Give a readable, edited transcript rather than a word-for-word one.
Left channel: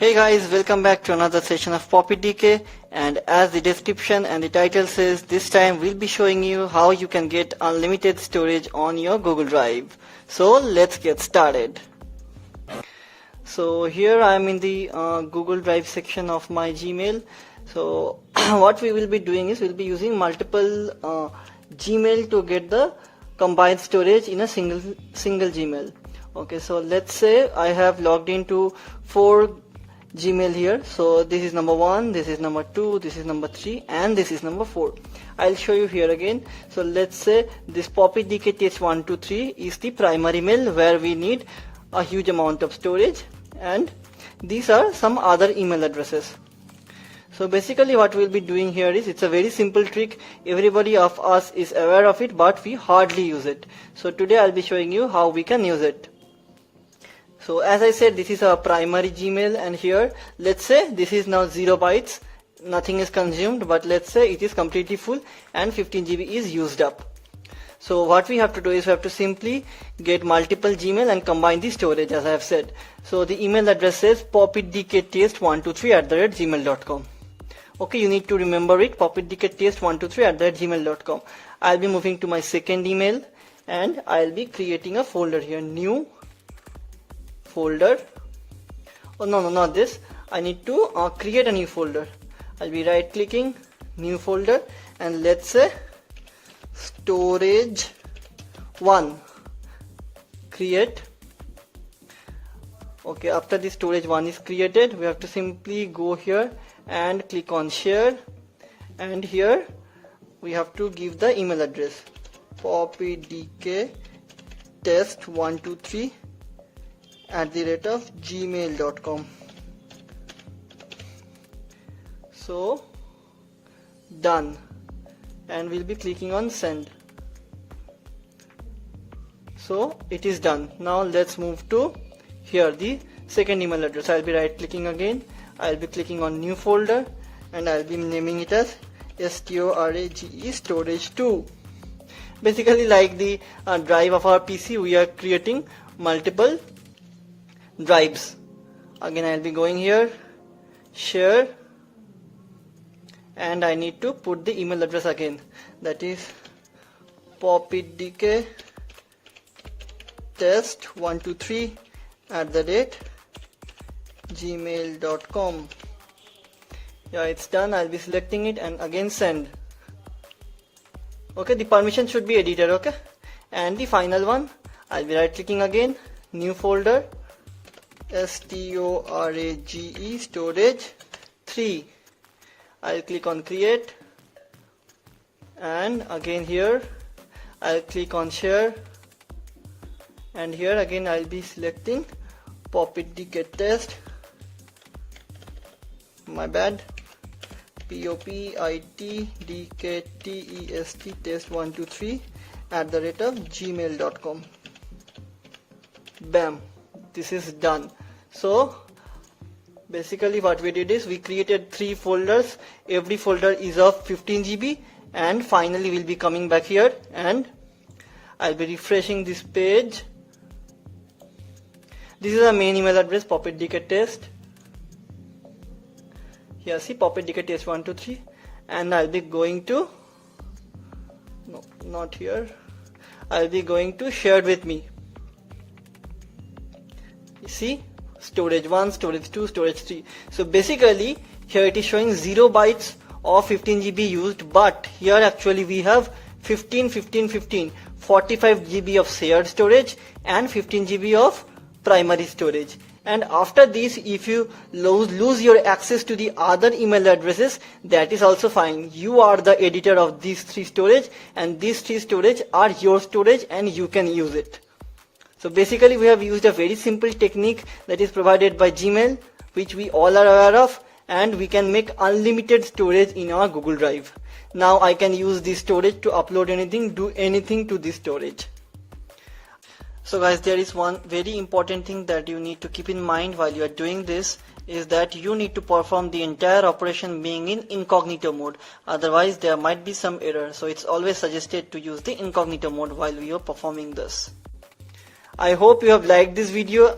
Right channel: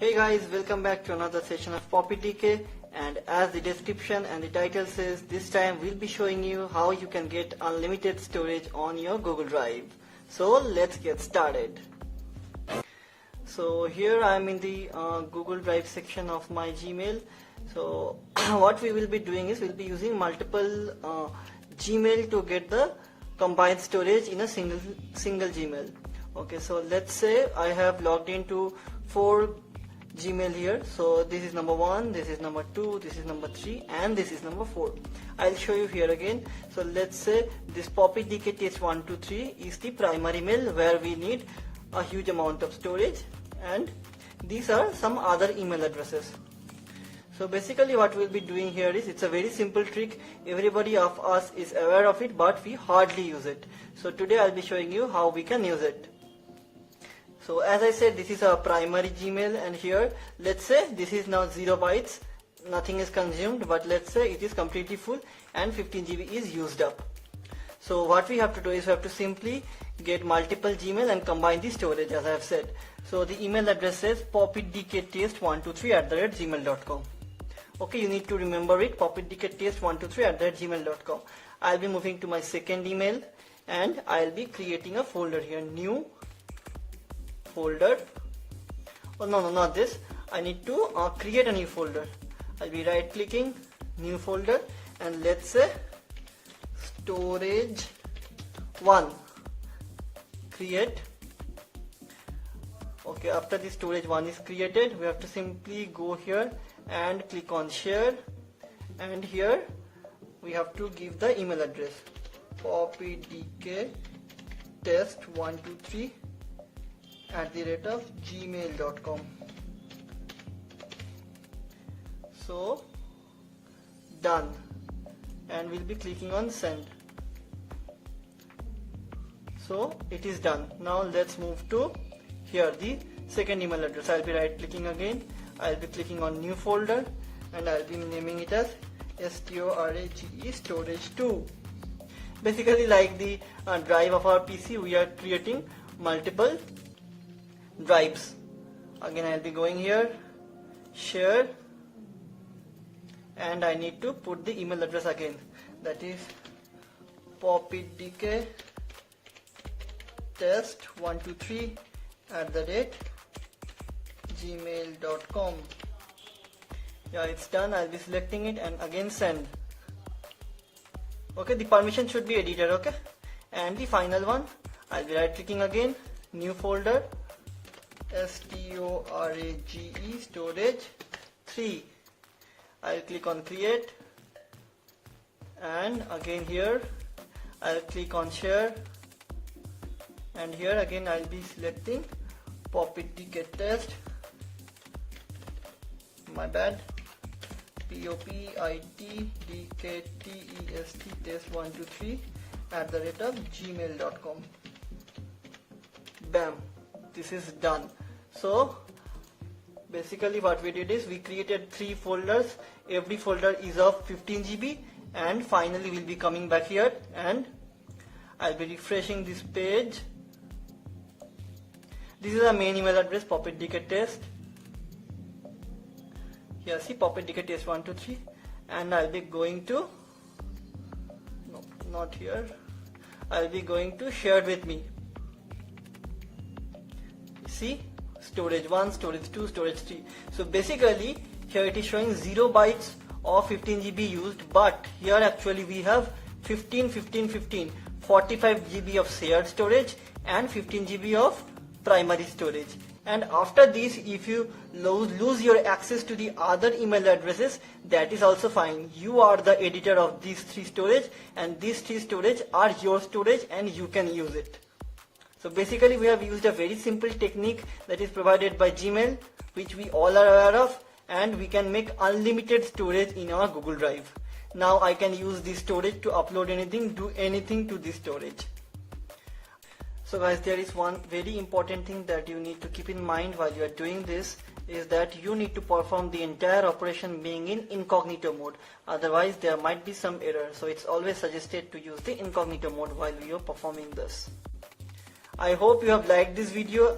Hey guys, welcome back to another session of PoppyDK, and as the description and the title says, this time we'll be showing you how you can get unlimited storage on your Google Drive. So let's get started. So here I am in the Google Drive section of my Gmail. So what we will be doing is we'll be using multiple Gmail to get the combined storage in a single Gmail. Okay, so let's say I have logged into 4 Gmail here. So this is number 1, this is number 2, this is number 3, and this is number 4. I'll show you here again. So let's say this PoppyDK test 123 is the primary mail where we need a huge amount of storage, and these are some other email addresses. So basically what we'll be doing here is, it's a very simple trick. Everybody of us is aware of it, but we hardly use it. So today I'll be showing you how we can use it. So as I said, this is our primary Gmail, and here let's say this is now 0 bytes, nothing is consumed, but let's say it is completely full and 15 GB is used up. So what we have to do is we have to simply get multiple Gmail and combine the storage, as I have said. So the email address says poppydktest123@gmail.com. Okay, you need to remember it, poppydktest123@gmail.com. I'll be moving to my second email and I'll be creating a folder here, new folder. Oh no, not this. I need to create a new folder. I'll be right clicking, new folder, and let's say storage 1, create. Okay, after the storage 1 is created, we have to simply go here and click on share, and here we have to give the email address poppydktest123@gmail.com. So done, and we'll be clicking on send. So it is done. Now let's move to here, the second email address. I'll be right clicking again, I'll be clicking on new folder, and I'll be naming it as storage storage 2. Basically, like the drive of our PC, we are creating multiple drives. Again, I'll be going here, share, and I need to put the email address again, that is poppydktest123@gmail.com. Yeah, it's done. I'll be selecting it and again send. Okay, the permission should be edited. Okay, and the final one, I'll be right clicking again, new folder, storage storage 3. I'll click on create, and again here I'll click on share, and here again I'll be selecting poppydktest, my bad, poppydktest test123@gmail.com. Bam, this is done. So basically what we did is we created 3 folders. Every folder is of 15 GB, and finally we'll be coming back here and I'll be refreshing this page. This is our main email address, poppydktest. Here, see, poppydktest123, and I'll be going to, no, not here, I'll be going to shared with me. See, storage 1, storage 2, storage 3. So basically here it is showing 0 bytes of 15 GB used, but here actually we have 45 GB of shared storage and 15 GB of primary storage. And after this, if you lose your access to the other email addresses, that is also fine. You are the editor of these 3 storage, and these 3 storage are your storage and you can use it. So basically we have used a very simple technique that is provided by Gmail, which we all are aware of, and we can make unlimited storage in our Google Drive. Now I can use this storage to upload anything, do anything to this storage. So guys, there is one very important thing that you need to keep in mind while you are doing this, is that you need to perform the entire operation being in incognito mode. Otherwise there might be some error. So it's always suggested to use the incognito mode while you are performing this. I hope you have liked this video.